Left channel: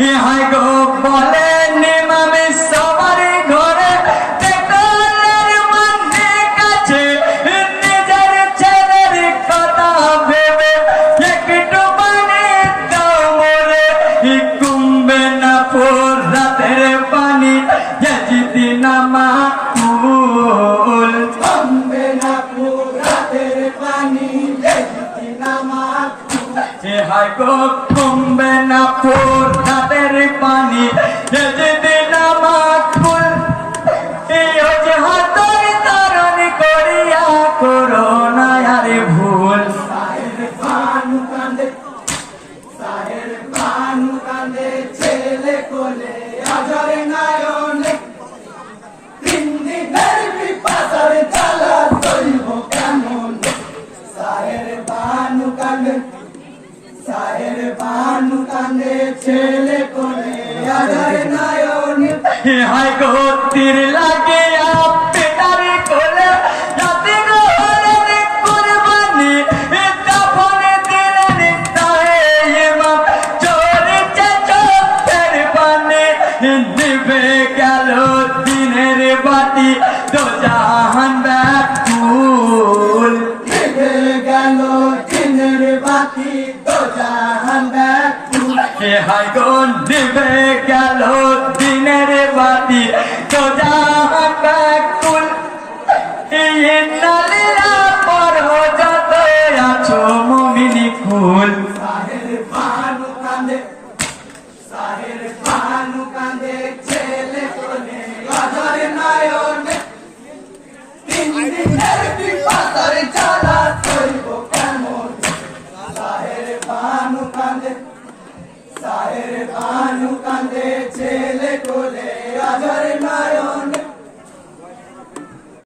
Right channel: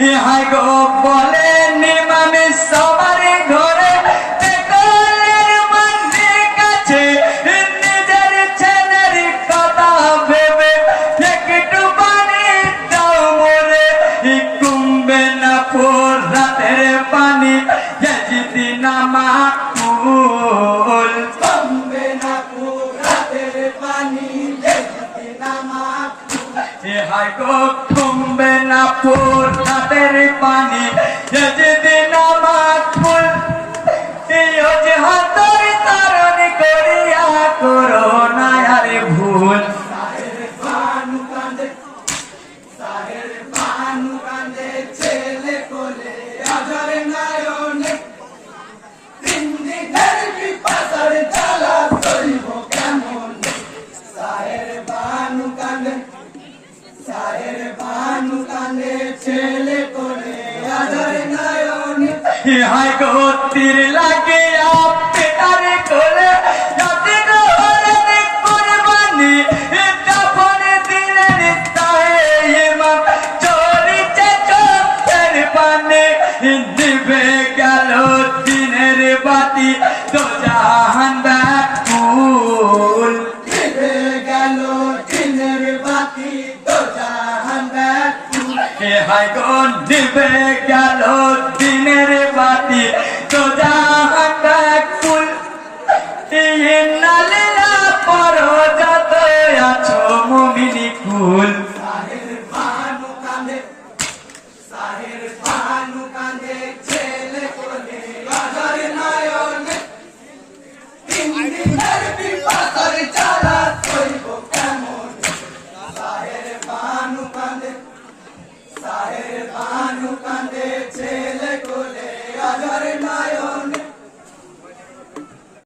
গো, বলে নিমামে সবার ঘরে পেট্রোলের মন্দির কাছে নিজের ছেলের কথা ভেবে একটু পানি দাও মোরে। কুম্বে না ফোর রাতের পানি যদি নামা কুল কমবে না রাতের পানি হাই গো কুম্বে না ফোর রাতের পানি যদি নামা কুল এই যে হাতর তরণ করিয়া করো না আরে ভুল। ছেলে কোলে আজর নায়নে তিন্দি ধরবি পাথর চালা করিব কেমন সাহের বানু কান্দে সাহের বানু কান্দে ছেলে কোলে আজর নায়নে ইহাই গো তীর লাগে আপনার কোলে। গো হরে কুরবানি দাফন দিলেন ইমাম চোরেছে চোখের পানে দিবে গেল দিনের বাতি ব্যাকুল ইহাই গো দিবে গেল দিনের বাতি। তো জাহান কুল ইন্নালিল্লাহ পড়ো যত আছো মুমিনি কুল। সাহের বাজার নয়নে। তিন দিনের বিপাতার চালা সায়ের বানু কাঁদে ছেলে কোলে আজ